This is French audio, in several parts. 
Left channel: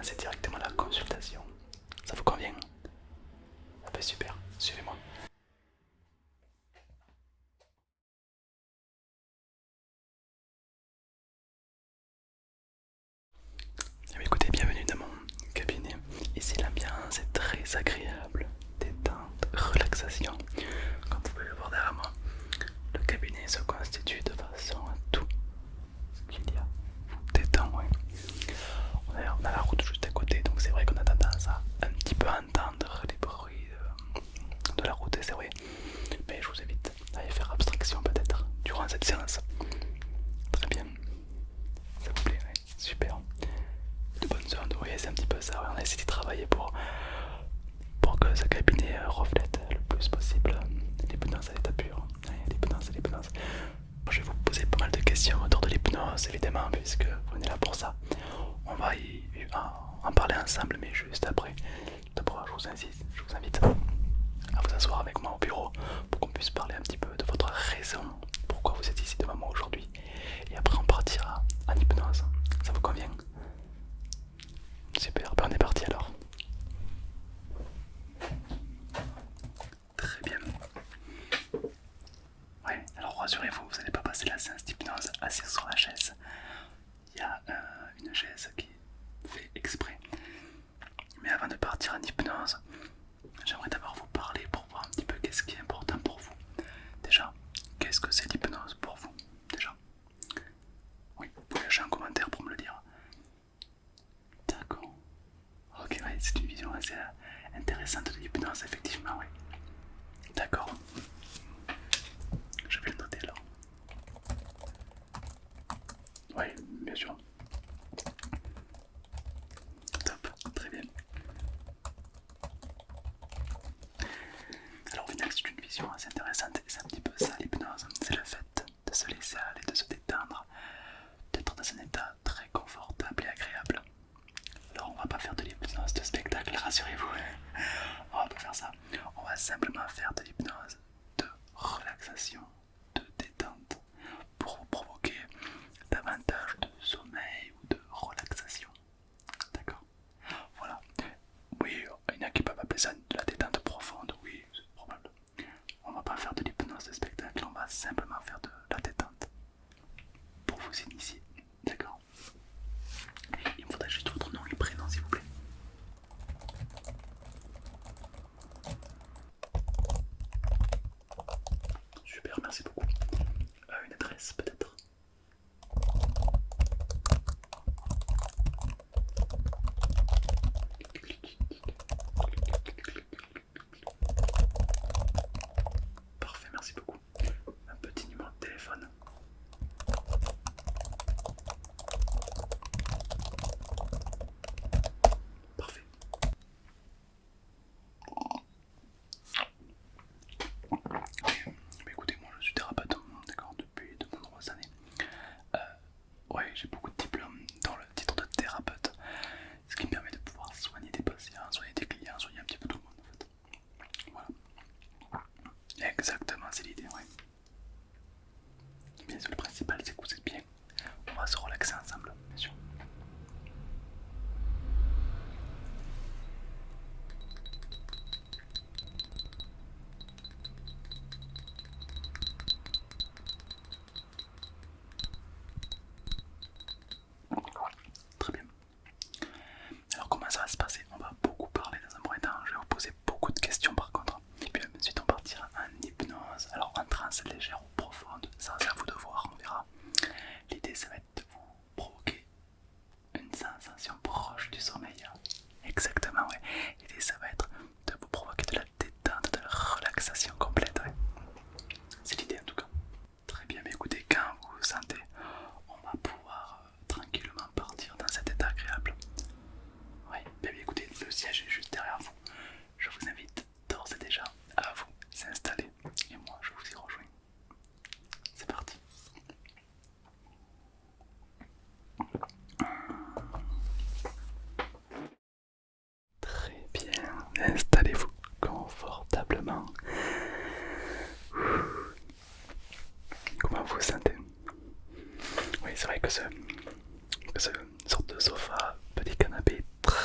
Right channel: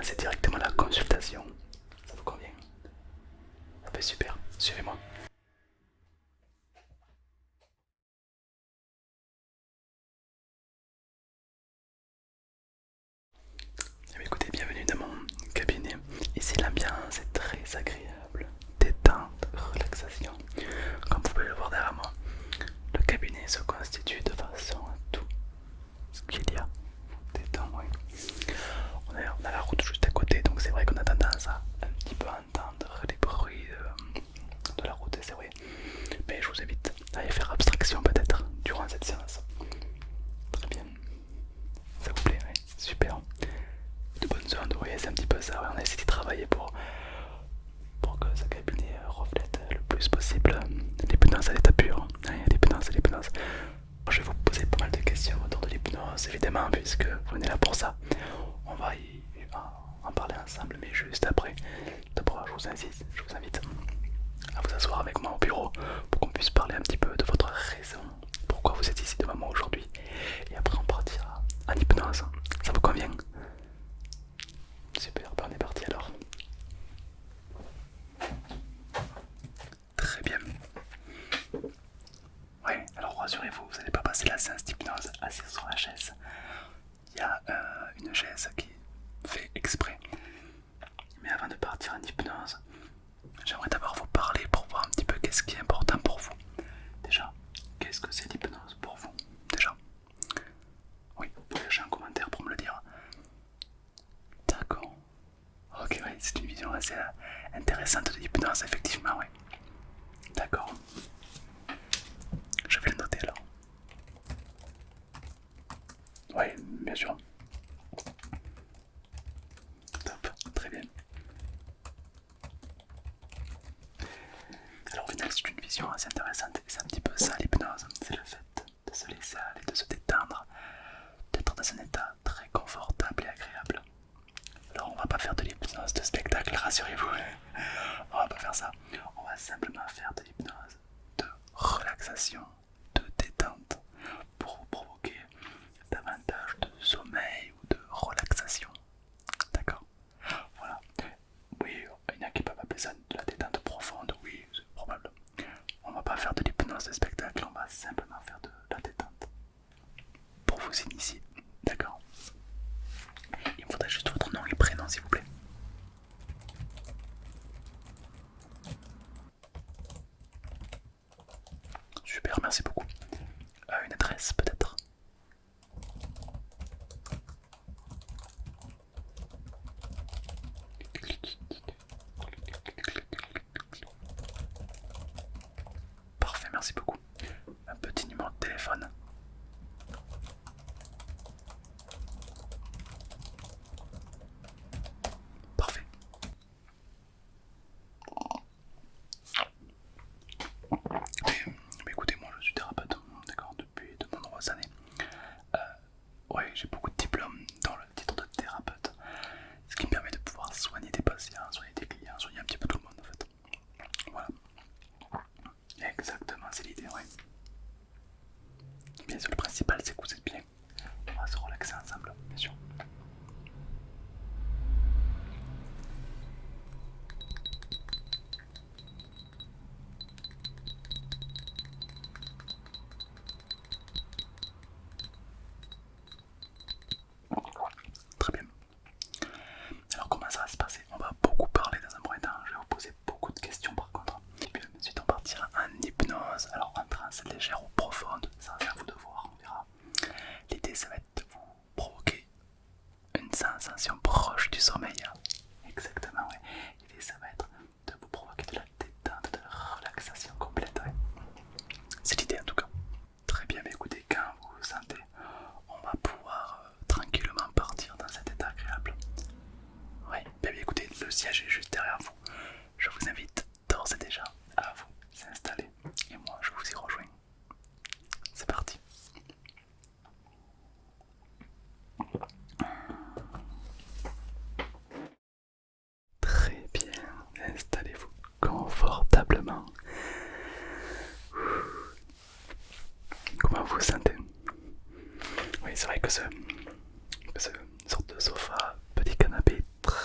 commencer directement la consultation. Ça vous convient? Ah ben super, suivez-moi. Eh bien, écoutez, bienvenue dans mon cabinet. Ici l'ambiance est très agréable, détente, relaxation. Comme vous pouvez le voir derrière moi, le cabinet se constitue de façon à tout ce qu'il y a. Détente, oui. On a la route juste à côté, donc c'est vrai qu'on a tendance à un petit peu entendre les bruits de la route, et c'est vrai. Mais je vous invite à y faire abstraction peut-être durant cette séance. Très bien, ça vous plaît, oui. Super. De bonnes zones, oui, c'est un petit peu ça. Ouais. On a essayé de travailler pour que ce cabinet reflète le plus possible l'hypnose à l'état pur. Oui, l'hypnose. Je vais vous poser pas mal de questions autour de l'hypnose, évidemment, puisque vous venez là pour ça. On va en parler ensemble, mais juste après. D'abord, je vous invite à vous asseoir avec moi au bureau pour qu'on puisse parler un petit peu de votre raison, pourquoi vous êtes ici devant moi aujourd'hui. Et après, on partira en hypnose. Ça vous convient? Super, ben on est parti alors. Très bien. Oui, alors rassurez-vous, vous n'allez pas passer la séance d'hypnose assise sur la chaise. Il y a une chaise qui fait exprès. Mais avant de partir en hypnose, j'aimerais d'abord vous parler pour voir un petit peu qu'est-ce qui est important pour vous. Déjà, qu'est-ce que c'est l'hypnose pour vous? Déjà, oui, vous pouvez lâcher un commentaire pour me le dire. D'accord. Ok, ouais, c'est une vision assez intéressante de l'hypnose, effectivement, oui. D'accord. Je vais le noter alors. Oui, bien sûr. Top, très bien. Alors oui, c'est une vision assez intéressante. C'est un petit peu ça l'hypnose. C'est le fait de se laisser aller, de se détendre, d'être dans un état très confortable et agréable. Alors on va pas faire de l'hypnose de spectacle, rassurez-vous. On va pas faire ça. On va simplement faire de l'hypnose de relaxation, de détente, pour vous provoquer davantage de sommeil ou de relaxation. D'accord? Voilà. Oui, il y en a qui peuvent appeler ça de la détente profonde, oui, c'est probable. On va pas faire de l'hypnose de spectacle, on va simplement faire de la détente pour vous initier. D'accord? Il me faudrait juste votre nom et prénom s'il vous plaît. Super, merci beaucoup. Une adresse peut-être? Parfait, merci beaucoup. Un petit numéro de téléphone. Parfait. Et, écoutez, moi je suis thérapeute, d'accord, depuis de nombreuses années. Euh, ouais, j'ai beaucoup de diplômes dans le titre de thérapeute, ce qui me permet de pouvoir soigner des patients, soigner des clients, soigner un petit peu tout le monde en fait. Voilà. Exactement, c'est l'idée, oui. Bien sûr, le principal c'est que vous êtes bien. On va se relaxer ensemble, bien sûr. Très bien. Alors comment ça va se passer? On va beaucoup parler dans un premier temps, je vais vous poser beaucoup de questions par contre. Et puis ensuite on partira en hypnose, alors en transe légère ou profonde, ça c'est à vous de voir, on verra. L'idée ça va être de vous provoquer une sensation proche du sommeil. Exactement, ouais. L'idée ça va être de vous provoquer de la détente, de la relaxation complète, ouais. C'est l'idée en tout cas. Très bien, mais écoutez, quand vous vous sentez, on va pouvoir tranquillement partir dans cet état agréable. Oui, bien écoutez, le siège est juste derrière vous. Je vous invite d'ores et déjà à vous installer et moi je vous y rejoins. C'est parti. Très bien, installez-vous confortablement. Comment vous vous sentez? Oui, c'est vrai que ce sorte de sofa, petit canapé, très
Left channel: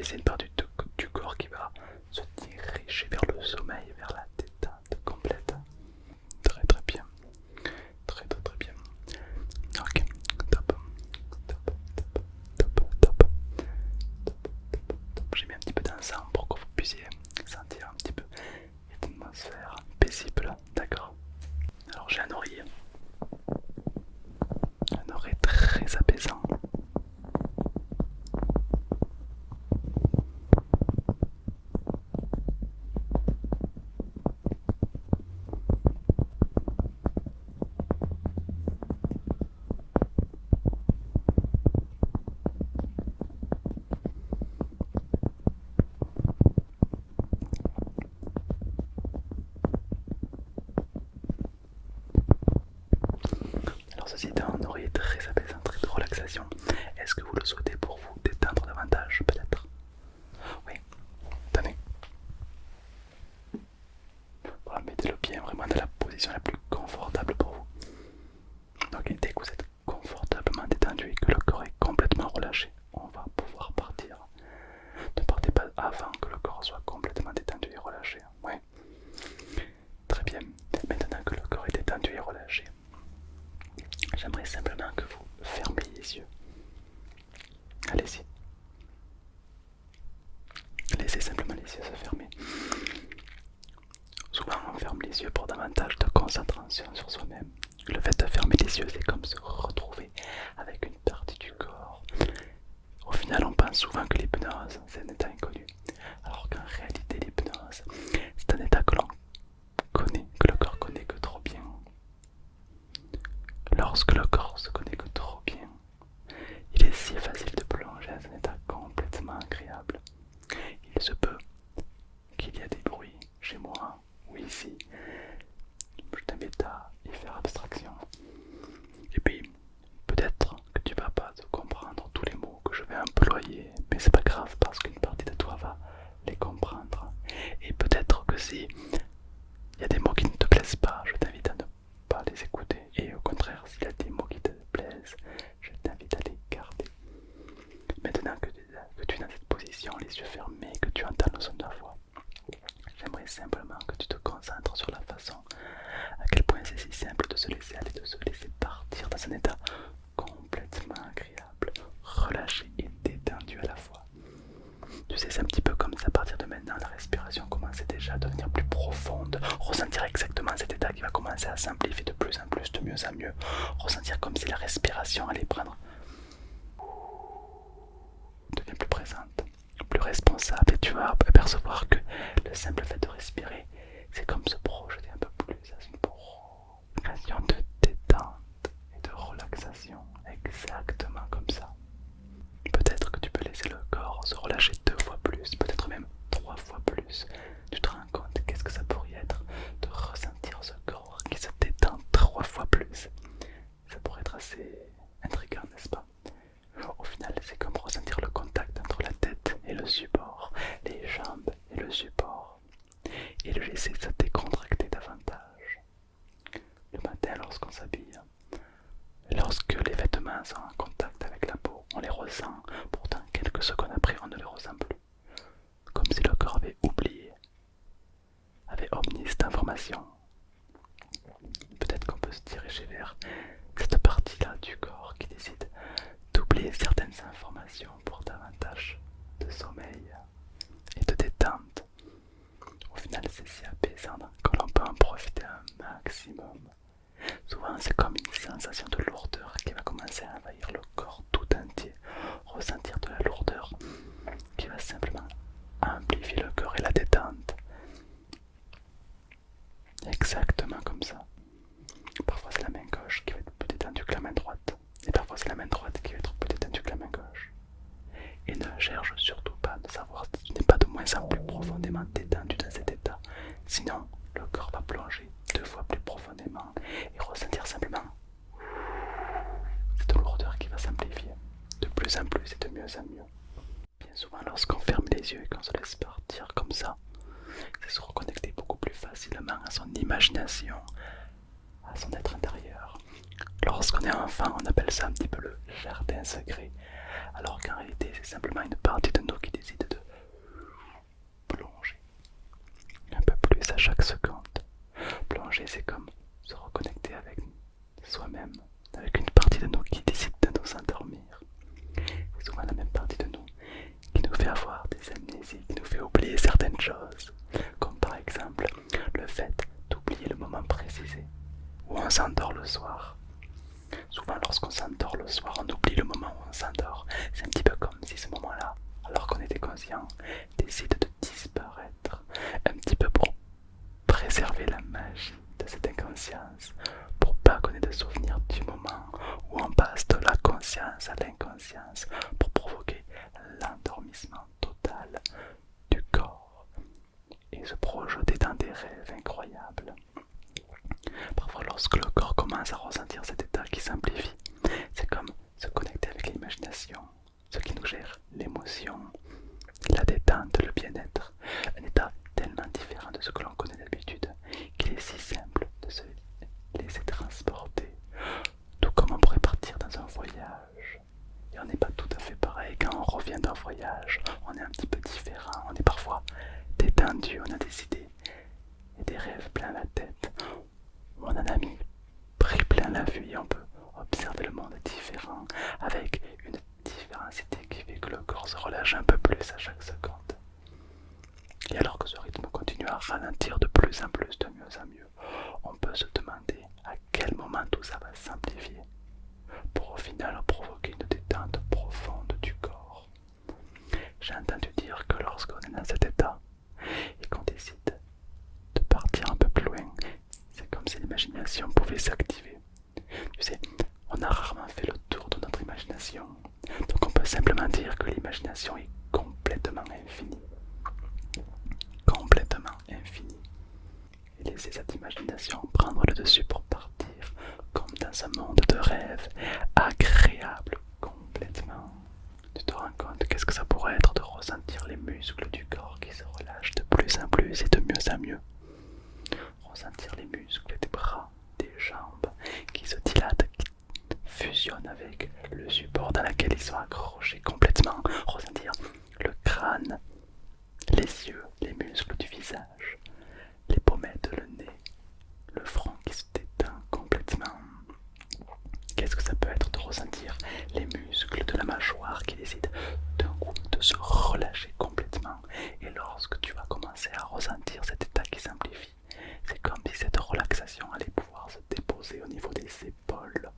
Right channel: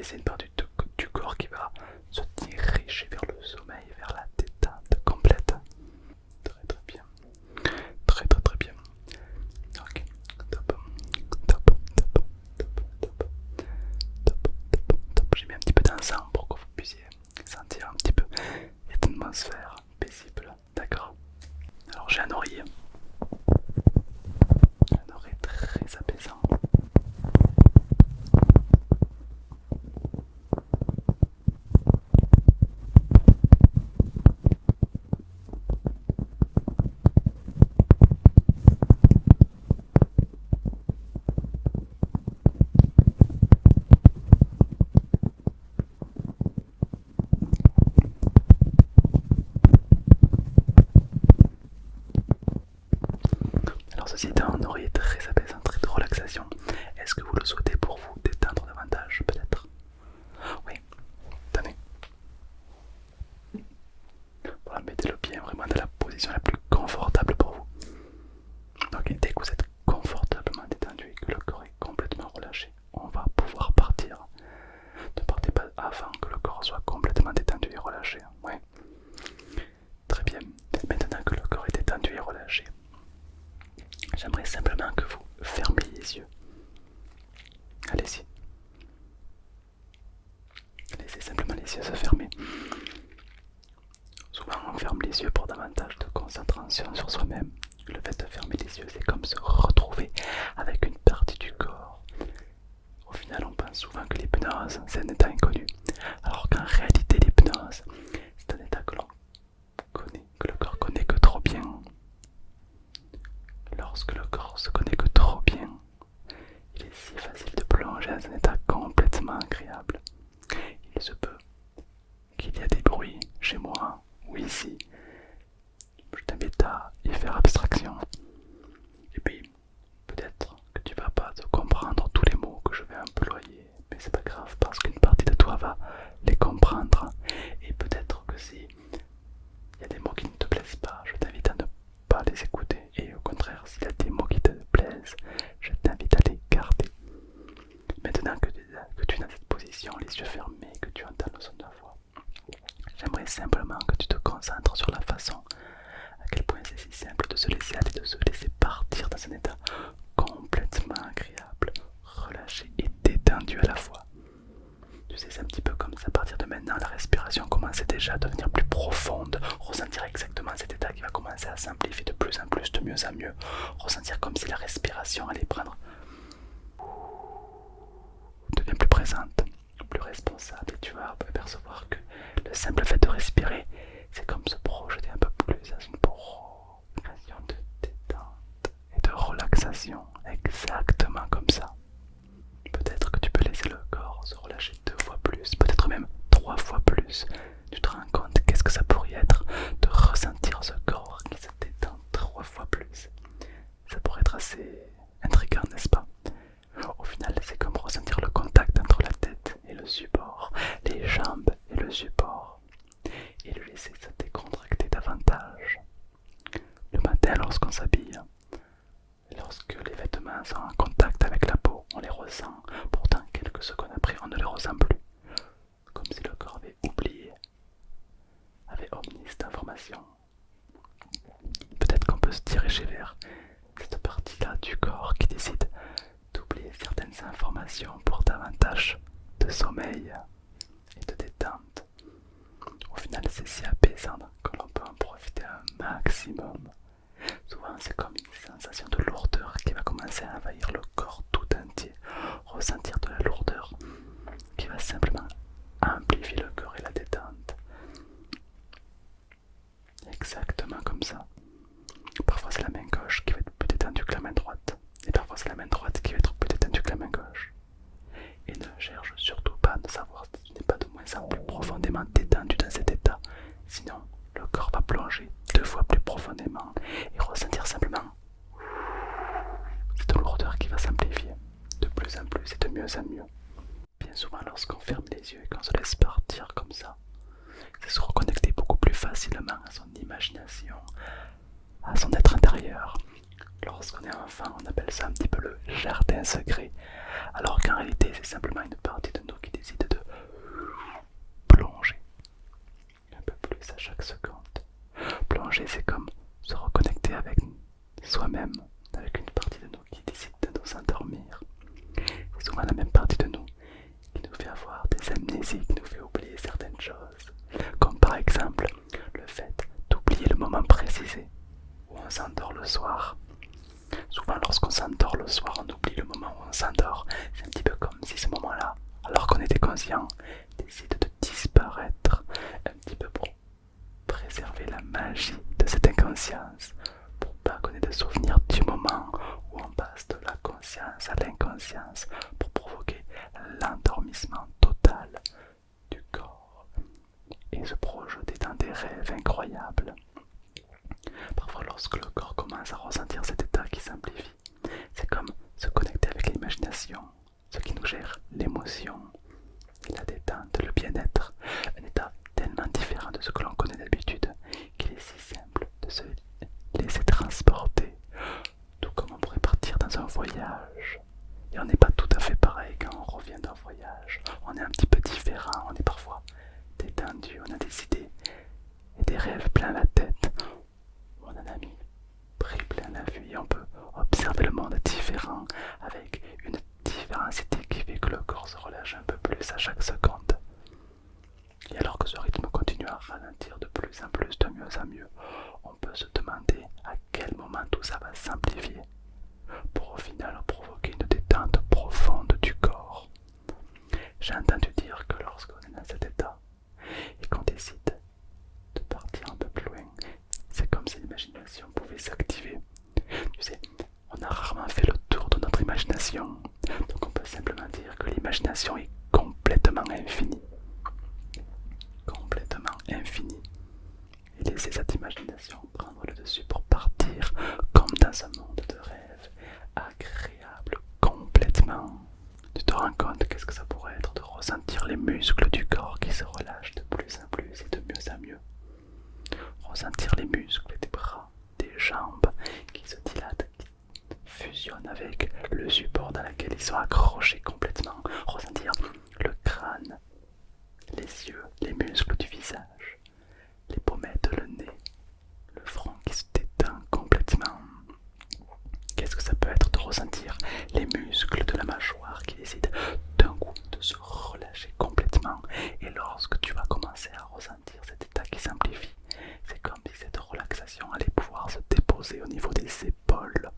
mais c'est une partie du corps qui va se diriger vers le sommeil, vers la détente complète. Très très bien. Très très très bien. Ok, top, top, top, top, top, top, top. J'ai mis un petit peu d'encens pour que vous puissiez sentir un petit peu cette atmosphère paisible, d'accord? Alors j'ai un oreiller très apaisant. Alors ceci étant un oreiller très apaisant, très de relaxation, est-ce que vous le souhaitez pour vous détendre davantage peut-être? Oui, tenez. Voilà, mettez-le bien vraiment dans la position la plus confortable pour vous. Ok, dès que vous êtes confortablement détendu et que le corps est complètement relâché, on va pouvoir partir. Ne partez pas avant que le corps soit complètement détendu et relâché. Oui, très bien. Maintenant que le corps est détendu et relâché, j'aimerais simplement que vous fermiez les yeux. Allez-y. Laissez simplement les yeux se fermer. Souvent on ferme les yeux pour davantage de concentration sur soi-même. Le fait de fermer les yeux, c'est comme se retrouver avec une partie du corps. Au final, on pense souvent que l'hypnose, c'est un état inconnu. Alors qu'en réalité, l'hypnose, c'est un état que l'on connaît, que le corps connaît que trop bien. Lorsque le corps se connaît que trop bien, il est si facile de plonger dans un état complètement agréable. Il se peut qu'il y ait des bruits chez moi ou ici. Je t'invite à y faire abstraction. Et puis, peut-être que tu vas pas te comprendre tous les mots que je vais employer, mais c'est pas grave parce qu'une partie de toi va les comprendre. Et peut-être que si il y a des mots qui ne te plaisent pas, je t'invite à ne pas les écouter. Et au contraire, s'il y a des mots qui te plaisent, je t'invite à les garder. Maintenant que tu es dans cette position, les yeux fermés, que tu entends le son de la voix, j'aimerais simplement que tu te concentres sur la façon à quel point c'est si simple de se laisser aller, de se laisser partir dans un état complètement agréable, relâché et détendu à la fois. Tu sais, c'est un petit peu comme ça, à partir de maintenant, la respiration commence déjà à devenir plus profonde, ressentir exactement cet état qui va commencer à s'amplifier de plus en plus, de mieux en mieux, ressentir comme si la respiration allait prendre, devient plus présente, plus responsable, et tu vas apercevoir que le simple fait de respirer, c'est comme se projeter un peu plus dans une progression de détente et de relaxation, exactement comme ça. Peut-être que tu peux laisser le corps se relâcher 2 fois plus, peut-être même 3 fois plus. Tu te rends compte qu'est-ce que ça pourrait être de ressentir ce corps qui se détend 3 fois plus. Ça pourrait être assez intriguant, n'est-ce pas? Au final, c'est comme ressentir le contact entre la tête et le support, les jambes et le support, et le laisser se décontracter davantage. Le matin, lorsqu'on s'habille, lorsque les vêtements sont en contact avec la peau, on les ressent, pourtant quelques secondes après, on ne les ressent plus. Comme si le corps avait oublié, avait omis cette information. Peut-être qu'on peut se diriger vers cette partie-là du corps qui décide d'oublier certaines informations pour davantage de sommeil et de détente. Au final, c'est si apaisant que l'on peut en profiter un maximum. Souvent, c'est comme une sensation de lourdeur qui va commencer à envahir le corps tout entier. Ressentir de la lourdeur qui va simplement amplifier le corps et la détente. Exactement comme ça. Parfois, c'est la main gauche qui va être plus détendue que la main droite. Et parfois, c'est la main droite qui va être plus détendue que la main gauche. Et ne cherche surtout pas de savoir si tu n'es pas de moins en plus profondément détendu dans cet état. Sinon, le corps va plonger 2 fois plus profondément et ressentir simplement cette lourdeur qui va s'amplifier de plus en plus et de mieux en mieux. Bien souvent, lorsqu'on ferme les yeux et qu'on se laisse partir comme ça, c'est se reconnecter beaucoup plus facilement à son imagination, à son être intérieur. Lorsqu'on est enfant, on appelle ça un petit peu le jardin secret, alors qu'en réalité, c'est simplement une partie de nous qui décide de inconscient décide de disparaître un petit peu pour préserver la magie de cette inconscience, pour pas qu'on ait de souvenirs du moment où on passe de la conscience à l'inconscience, pour provoquer l'endormissement total du corps et se projeter dans des rêves incroyables. Parfois, lorsque le corps commence à ressentir cet état qui simplifie, c'est comme se connecter avec l'imagination, ce qui nous gère l'émotion, la détente, le bien-être, un état tellement différent de ce que l'on connaît d'habitude qu'il est si simple de se laisser transporter, tout comme on pourrait partir dans un voyage. Et on n'est pas tout à fait pareil quand on revient d'un voyage, on est un petit peu différent, on est parfois détendu, on a des idées et des rêves plein la tête, on en a mis pris plein la vue et on peut observer le monde différent avec une différencité qui fait que le corps se relâche un peu plus à chaque seconde. Et alors que ce rythme continue à ralentir de plus en plus, de mieux en mieux, on peut se demander à quel moment tout ça va simplifier pour au final provoquer une détente profonde du corps. J'ai entendu dire que lorsqu'on est dans cet état et qu'on décide de partir un peu plus loin, c'est comme si l'imagination pouvait s'activer. Tu sais, on a rarement fait le tour de notre imagination, donc on peut simplement dire que l'imagination est complètement infinie. Complètement infinie. Et laisser cette imagination prendre le dessus pour partir comme dans un monde de rêve, agréable complètement. Tu te rends compte qu'est-ce que ça pourrait être de ressentir les muscles du corps qui se relâchent de plus en plus et de mieux en mieux. Ressentir les muscles des bras, des jambes qui se dilatent, qui fusionnent avec le support dans lequel ils sont accrochés complètement. Ressentir le crâne, les yeux, les muscles du visage, les pommettes, le nez, le front qui se détend complètement. Qu'est-ce que ça peut être de ressentir les muscles de la mâchoire qui décident d'un coup de se relâcher complètement. Et lorsque tu vas commencer à ressentir cet état qui simplifie, c'est comme si cette relaxation allait pouvoir se déposer au niveau des épaules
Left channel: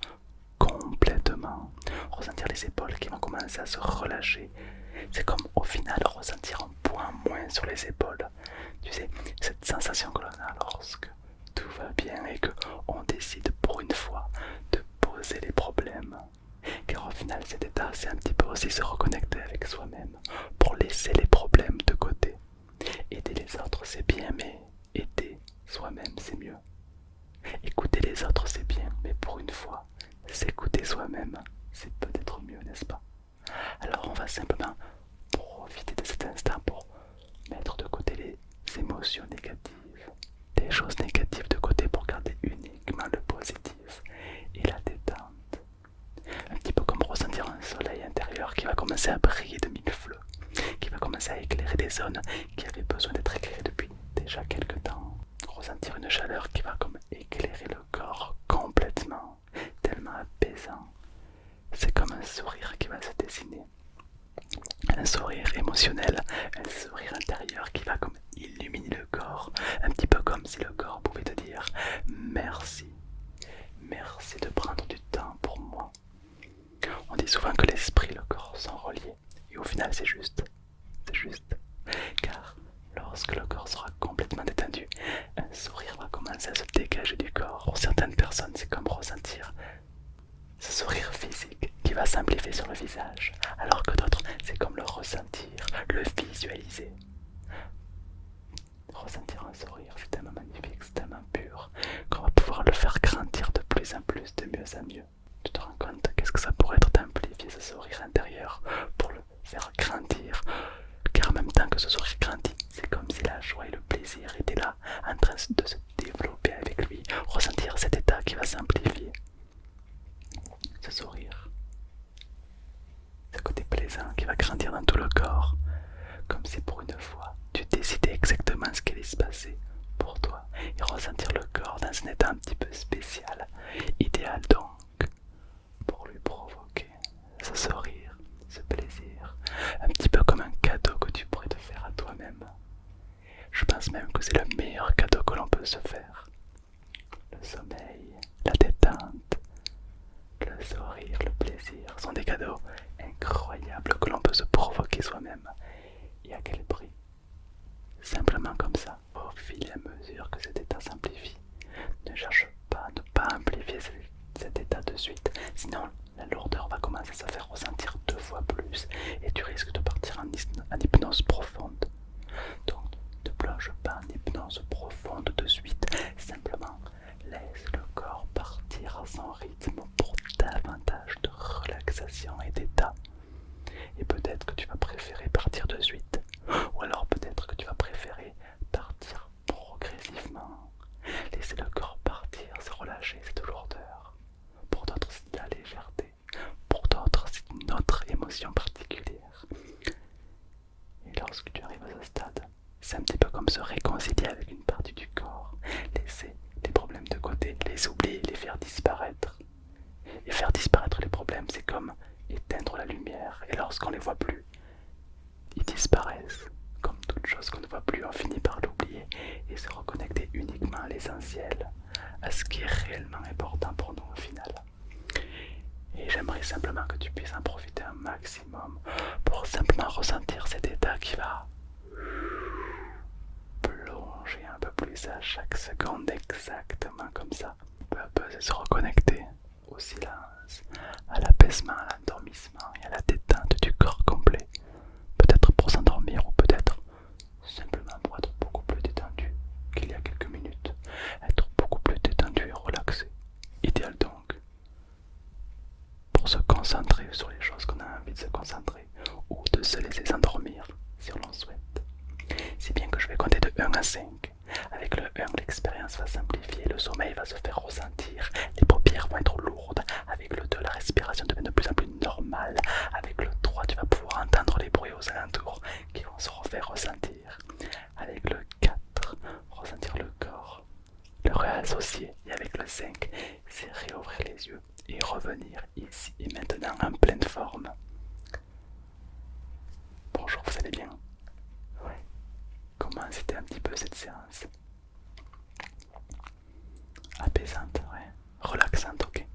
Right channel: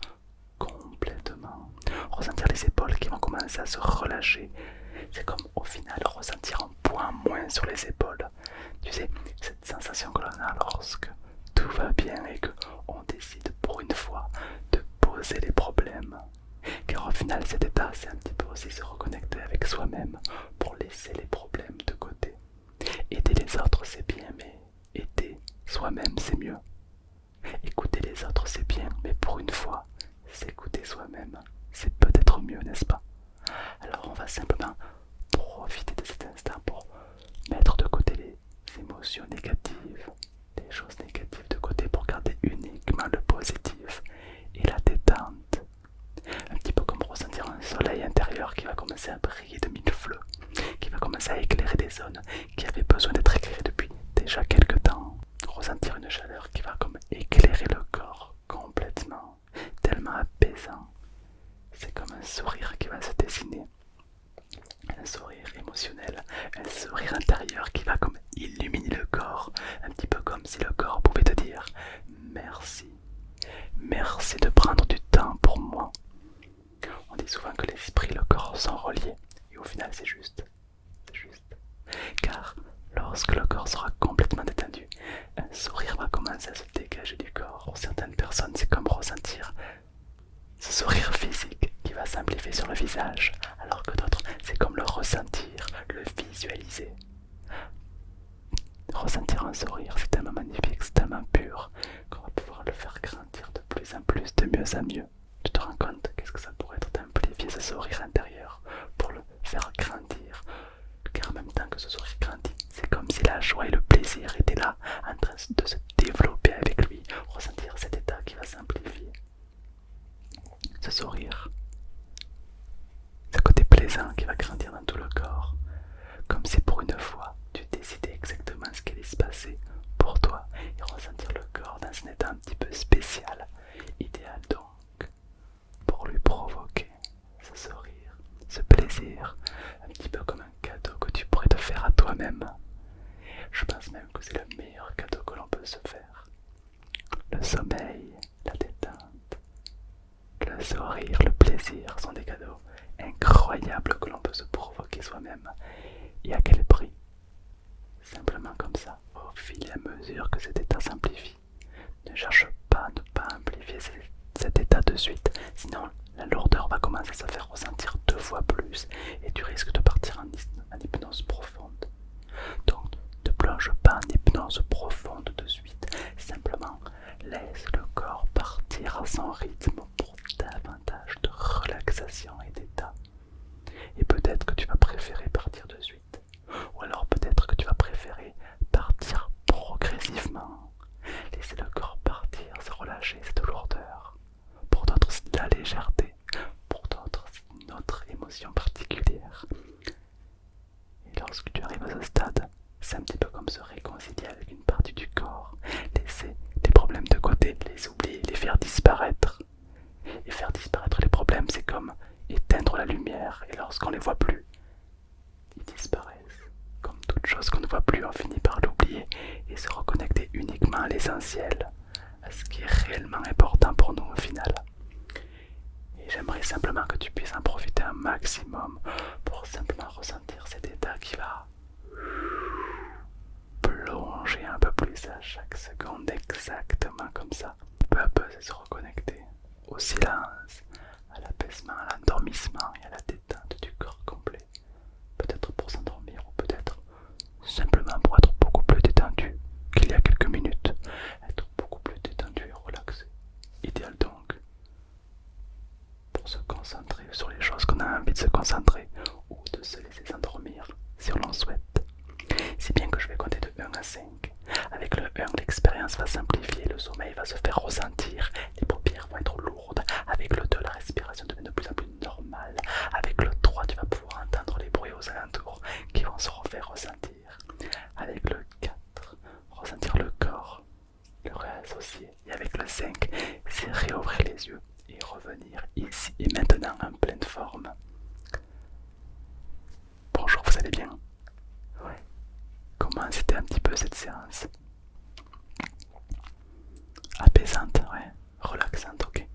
complètement. Ressentir les épaules qui vont commencer à se relâcher. C'est comme au final ressentir un poids moins sur les épaules. Tu sais, cette sensation que l'on a lorsque tout va bien et qu'on décide pour une fois de poser les problèmes. Car au final cet état c'est un petit peu aussi se reconnecter avec soi-même pour laisser les problèmes de côté. Aider les autres c'est bien, mais aider soi-même c'est mieux. Écouter les autres c'est bien, mais pour une fois, s'écouter soi-même c'est peut-être mieux, n'est-ce pas? Alors on va simplement profiter de cet instant pour mettre de côté les émotions négatives, les choses négatives de côté pour garder uniquement le positif et la détente. Un petit peu comme ressentir un soleil intérieur qui va commencer à briller de mille feux, qui va commencer à éclairer des zones qui avaient besoin d'être éclairées depuis déjà quelques temps. Ressentir une chaleur qui va comme éclairer le corps complètement, tellement apaisant. C'est comme un sourire qui va se dessiner. Un sourire émotionnel, un sourire intérieur qui va comme illuminer le corps, un petit peu comme si le corps pouvait te dire merci, merci de prendre du temps pour moi. On dit souvent que l'esprit et le corps sont reliés, et au final c'est juste, car lorsque le corps sera complètement détendu, un sourire va commencer à se dégager du corps. Pour certaines personnes, c'est comme ressentir ce sourire physique qui va simplifier sur le visage, alors que d'autres, c'est comme le ressentir, le visualiser. Ressentir un sourire, c'est tellement magnifique, c'est tellement pur, qu'on va pouvoir le faire grandir de plus en plus, de mieux en mieux. Tu te rends compte qu'est-ce que ça pourrait être d'amplifier ce sourire intérieur pour le faire grandir, car en même temps que ce sourire grandit, c'est comme si la joie et le plaisir étaient là, en train de se développer avec lui, ressentir cet état qui va s'amplifier. Ce sourire, ce côté plaisant qui va grandir dans tout le corps, comme si pour une fois tu décidais exactement ce qui allait se passer pour toi et ressentir le corps dans un état un petit peu spécial, idéal donc pour lui provoquer ce sourire, ce plaisir, un petit peu comme un cadeau que tu pourrais te faire à toi-même. Je pense même que c'est le meilleur cadeau que l'on peut se faire. Le sommeil, la détente, le sourire, le plaisir sont des cadeaux incroyables que l'on peut se provoquer soi-même. et à quel prix. Simplement comme ça, au fil et à mesure que cet état s'amplifie. Ne cherche pas à ne pas amplifier cet état de suite, sinon la lourdeur va commencer à se faire ressentir 2 fois plus et tu risques de partir en hypnose profonde. Donc ne plonge pas en hypnose profonde de suite, simplement laisse le corps partir à son rythme pour davantage de relaxation et d'état. Et peut-être que tu vas préférer partir de suite, ou alors peut-être que tu vas préférer partir progressivement. Laisser le corps partir, se relâcher, c'est de lourdeur. Pour d'autres, c'est de la légèreté. Pour d'autres, c'est une autre émotion particulière. Et lorsque tu arrives à ce stade, c'est un petit peu comme se réconcilier avec une partie du corps. Laisser les problèmes de côté, les oublier, les faire disparaître. Et faire disparaître les problèmes, c'est comme éteindre la lumière. Et lorsqu'on ne les voit plus, ils disparaissent. Comme toute chose qu'on ne voit plus, on finit par l'oublier et se reconnecter uniquement à l'essentiel, à ce qui est réellement important pour nous au final. Et j'aimerais simplement que tu puisses en profiter un maximum pour simplement ressentir cet état qui va plonger un peu plus à chaque seconde, exactement comme ça. Peu à peu, c'est se reconnecter au silence, à l'apaisement, à l'endormissement et à la détente du corps complet. Peut-être pour s'endormir ou peut-être simplement pour être beaucoup plus détendu qu'il y a quelques minutes. Être beaucoup plus détendu et relaxé. Idéal donc pour se concentrer sur les choses qu'on a envie de se concentrer ou de se laisser s'endormir si on l'en souhaite. Si bien que je vais compter de 1 à 5. Avec le 1, l'expérience va simplifier, le sommeil va se faire ressentir, les paupières vont être lourdes. Avec le 2, la respiration devient de plus en plus normale. Avec le 3, tu vas pouvoir entendre les bruits aux alentours qui vont se refaire ressentir. Avec le 4, ressentir le corps, le réassocier. Et avec le 5, c'est réouvrir les yeux et revenir ici et maintenant en pleine forme. Bonjour, vous allez bien? Ouais. Comment c'était un petit peu cette séance? Apaisante, ouais. Relaxante, ok.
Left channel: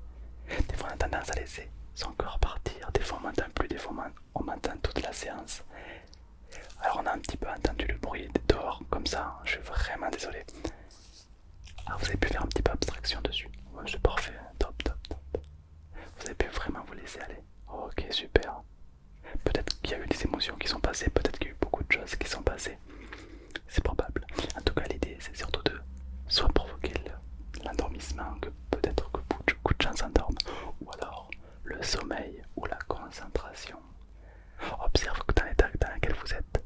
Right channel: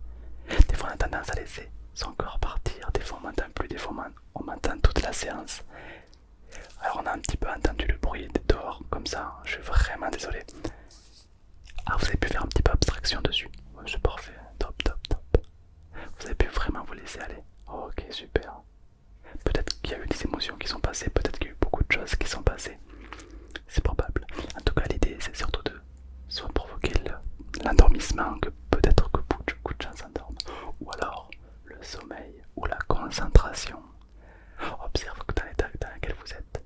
Des fois on a tendance à laisser son corps partir, des fois on m'entend plus, des fois on m'entend toute la séance. Alors on a un petit peu entendu le bruit dehors, comme ça, je suis vraiment désolé. Ah, vous avez pu faire un petit peu abstraction dessus. Ouais, c'est parfait, top, top, top. Vous avez pu vraiment vous laisser aller. Ok, super. Peut-être qu'il y a eu des émotions qui sont passées, peut-être qu'il y a eu beaucoup de choses qui sont passées. C'est probable. En tout cas, l'idée c'est surtout de soit provoquer l'endormissement, que peut-être que beaucoup de gens s'endorment, ou alors le sommeil ou la concentration. Observe que dans l'état dans lequel vous n'êtes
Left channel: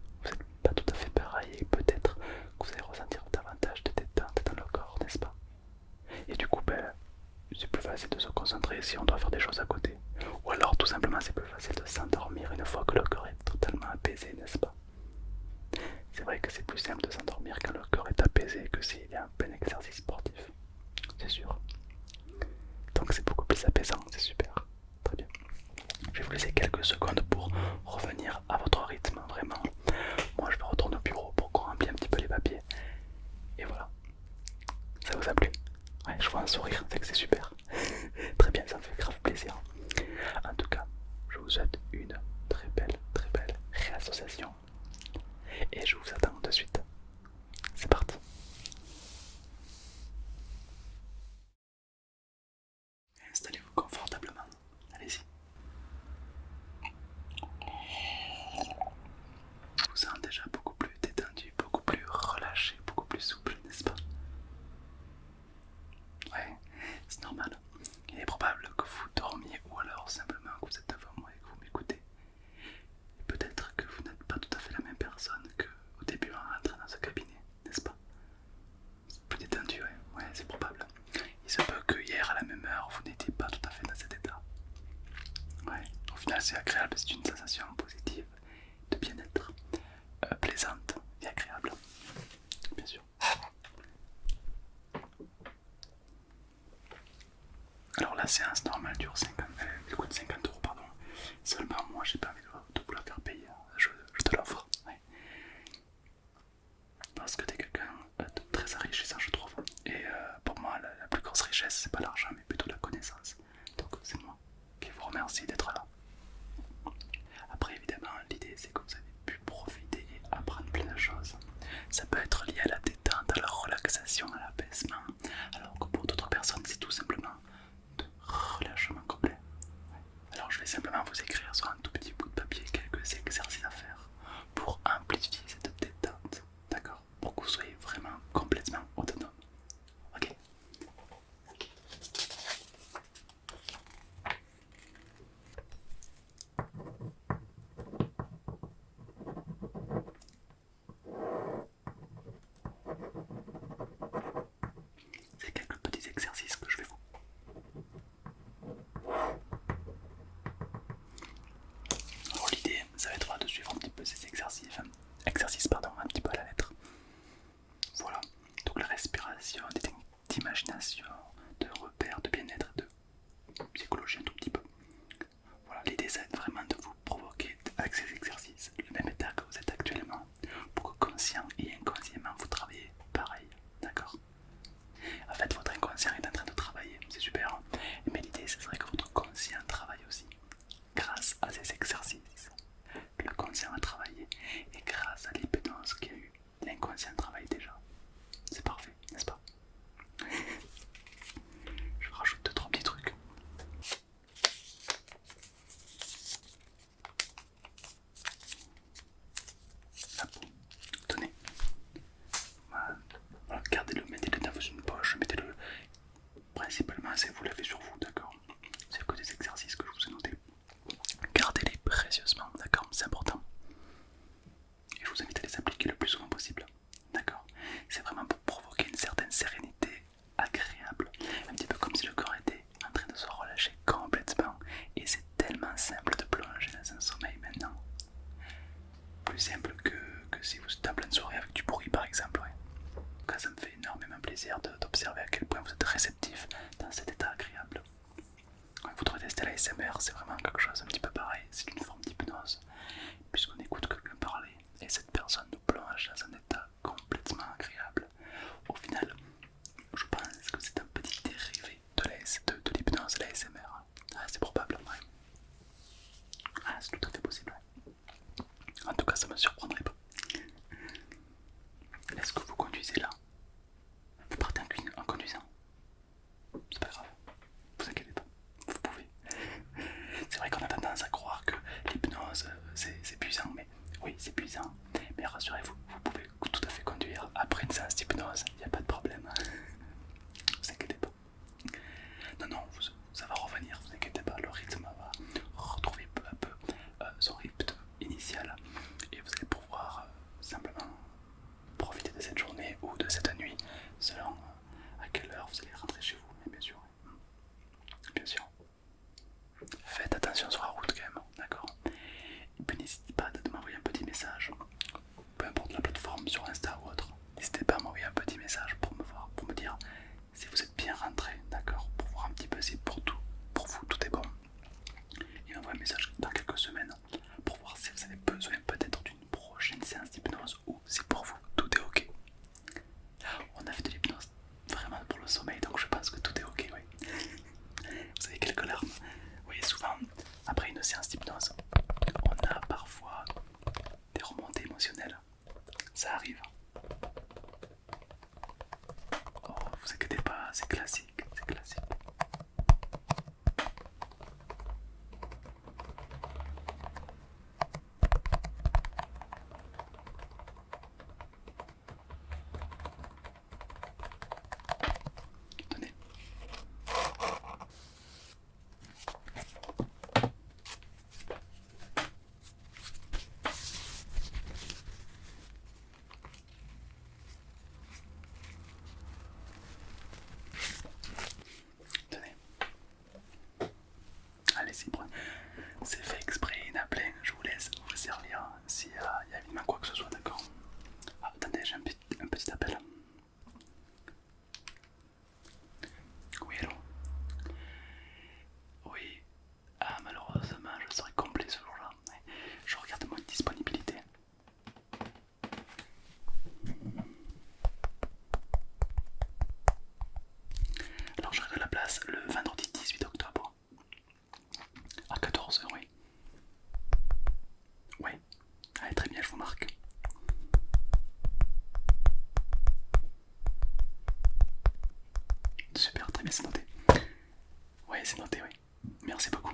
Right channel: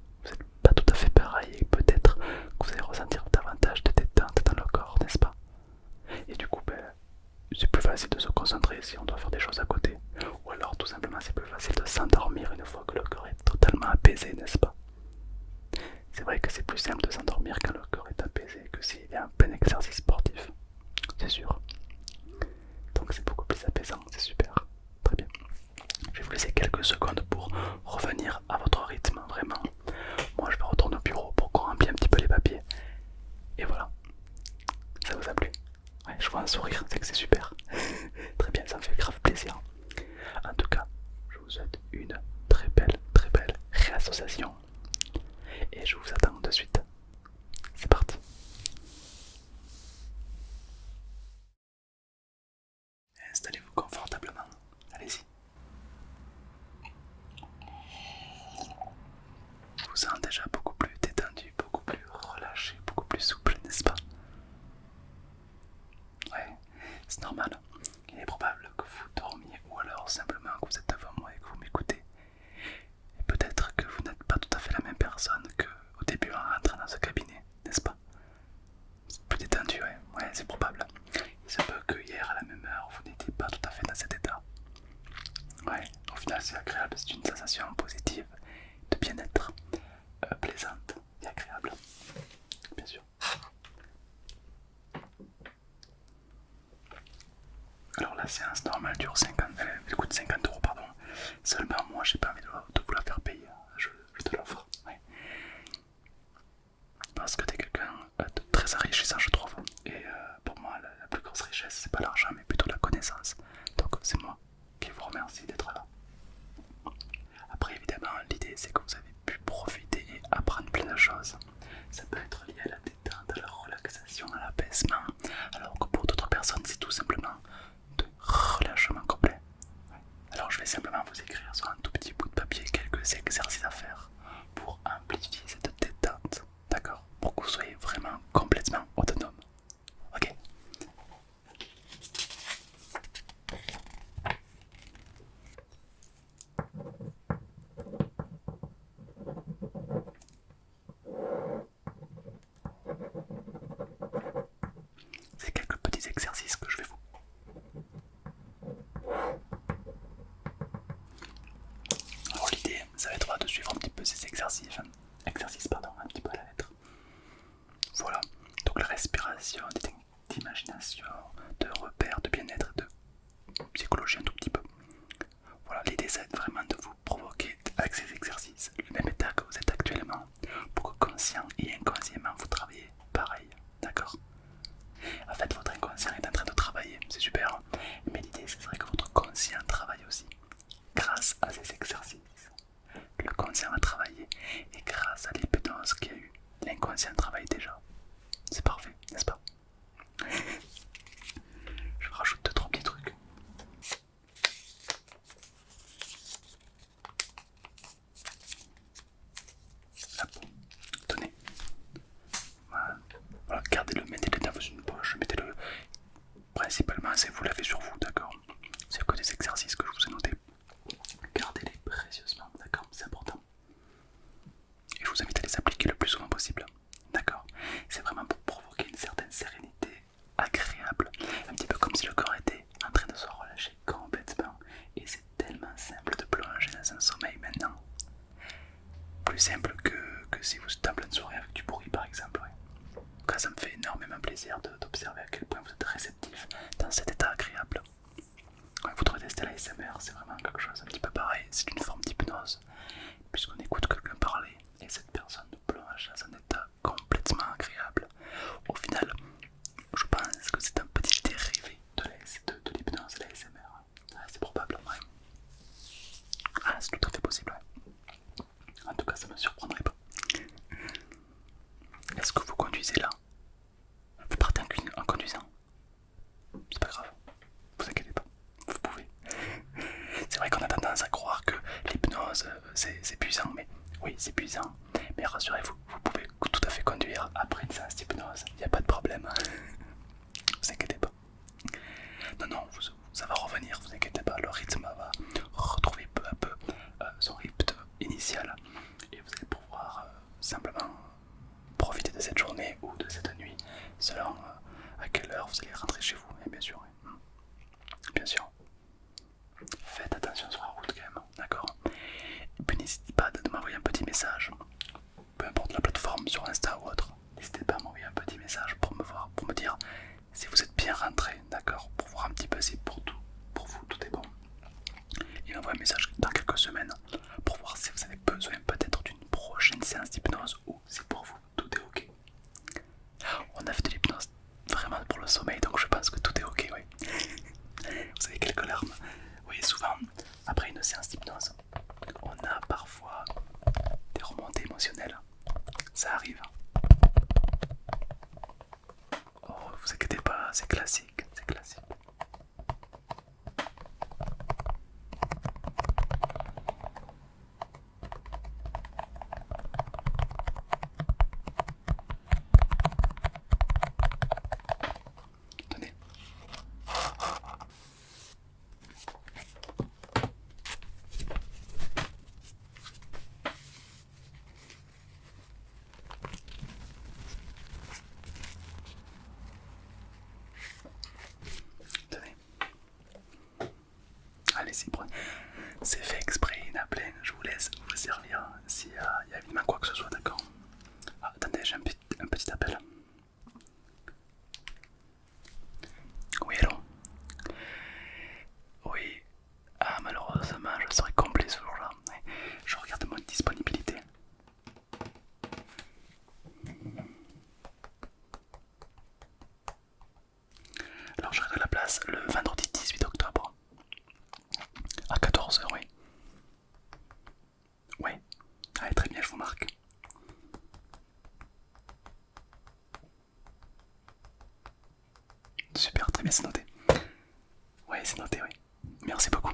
pas tout à fait pareil et peut-être que vous allez ressentir davantage de détente dans le corps, n'est-ce pas? Et du coup, c'est plus facile de se concentrer si on doit faire des choses à côté. Ou alors tout simplement c'est plus facile de s'endormir une fois que le corps est totalement apaisé, n'est-ce pas? C'est vrai que c'est plus simple de s'endormir quand le corps est apaisé que s'il y a un plein exercice sportif. C'est sûr. Donc c'est beaucoup plus apaisant, c'est super. Très bien. Je vais vous laisser quelques secondes pour revenir à votre rythme, vraiment. Moi je vais retourner au bureau pour qu'on remplisse un petit peu les papiers. Et voilà. Ça vous a plu? Ouais, je vois un sourire, c'est que c'est super. Très bien, ça me fait grave plaisir. En tout cas, je vous souhaite une très belle réassociation. Et je vous attends de suite. C'est parti. Installez-vous confortablement. Allez-y. Je vous sens déjà beaucoup plus détendu, beaucoup plus relâché, beaucoup plus souple, n'est-ce pas? Ouais, c'est normal. Il est probable que vous dormiez ou alors simplement que vous êtes devant moi et que vous m'écoutez. Et peut-être que vous n'êtes pas tout à fait la même personne qu'au début en rentrant dans ce cabinet, n'est-ce pas? C'est plus détendu, ouais, c'est probable. Il se peut que hier à la même heure vous n'étiez pas tout à fait dans cet état. Ouais, au final c'est agréable, c'est une sensation positive de bien-être, plaisante et agréable, bien sûr. Alors la séance normale dure 50, coûte 50 € pardon. Seulement moi j'ai pas envie de vous la faire payer, je te l'offre. Ouais. Parce que t'es quelqu'un de très enrichissant je trouve. Et pour moi la plus grosse richesse c'est pas l'argent mais plutôt la connaissance. Donc c'est moi qui vous remercie d'être là. Après évidemment l'idée c'est que vous avez pu profiter et grâce à l'hypnose qu'il y a eu, l'inconscient travaille déjà. C'est parfait, n'est-ce pas? Je rajoute 2-3 petits trucs. Hop, tenez. Voilà, gardez-le, mettez-le dans une poche, mettez-le. Principalement, c'est vous l'avez sur vous, d'accord? C'est que des exercices que je vous ai notés. Gardez-les précieusement, d'accord? C'est important. Et je vous invite à les appliquer le plus souvent possible, d'accord? C'est vraiment pour provoquer une certaine sérénité agréable, un petit peu comme si le corps était en train de se relâcher complètement. Et c'est tellement simple de plonger dans un sommeil maintenant. Plus simple que si vous êtes en pleine soirée avec du bruit par exemple. Ouais. En tout cas, ça me fait énormément plaisir d'observer à quel point vous êtes réceptif dans cet état agréable. Ouais, vous devez tester l'ASMR, c'est vraiment quelque chose un petit peu pareil, c'est une forme d'hypnose, puisqu'on écoute quelqu'un parler et cette personne nous plonge dans un état complètement agréable. Au final, je pense que c'est un petit dérivé de l'hypnose, l'ASMR. Ah, c'est probable en vrai. Ah, c'est tout à fait possible. Ouais. En tout cas, ça me surprendrait pas. Est-ce que vous conduisez là? Vous partez en conduisant? C'est pas grave, vous inquiétez pas, vous pouvez. C'est vrai qu'on a tendance à croire que l'hypnose c'est puissant, mais oui, c'est puissant. Mais rassurez-vous, vous pouvez tout à fait conduire après une séance d'hypnose, il n'y a pas de problème. Vous inquiétez pas. Non, non, ça va revenir, vous inquiétez pas, le rythme va retrouver peu à peu son rythme initial et vous allez pouvoir simplement profiter de cette journée ou de cette nuit selon à quelle heure vous allez rentrer chez vous, et bien sûr. Bien sûr. Faites attention sur la route quand même, d'accord? Et puis n'hésitez pas de m'envoyer un petit message, peu importe la plateforme, sur Insta ou autre. N'hésitez pas à m'envoyer un petit message pour me voir, pour me dire si vous êtes bien rentré, d'accord? Pour voir un petit peu si pour vous tout est bon. Et m'envoyer un message dans quelques semaines pour voir si vous avez besoin peut-être d'une prochaine séance d'hypnose ou si pour vous tout est ok. On a fait de l'hypnose vraiment pour le sommeil, donc je pense que tout est ok, oui. Vous avez quelques larmes. Oui, souvent, après une séance d'hypnose, on a parfois des remontées émotionnelles. Ça arrive. Oh, vous inquiétez pas, c'est classique, c'est classique. Tenez. Tenez. Allez-y, prenez. C'est fait exprès, il y en a plein. Je vous laisse vous servir s'il y a évidemment quoi que ce soit, d'accord? Ah, attendez, j'ai un petit appel. Oui, allô? Oui. Ah, malheureusement, je serai complet ce jour-là. Je regarde mon disponibilité. Alors, j'aurai de la place le vendredi 18 octobre à 14 h, oui. Oui. Allez, très bien, je vous marque. Super, très bien, c'est noté. Oui, c'est noté, oui. Merci beaucoup.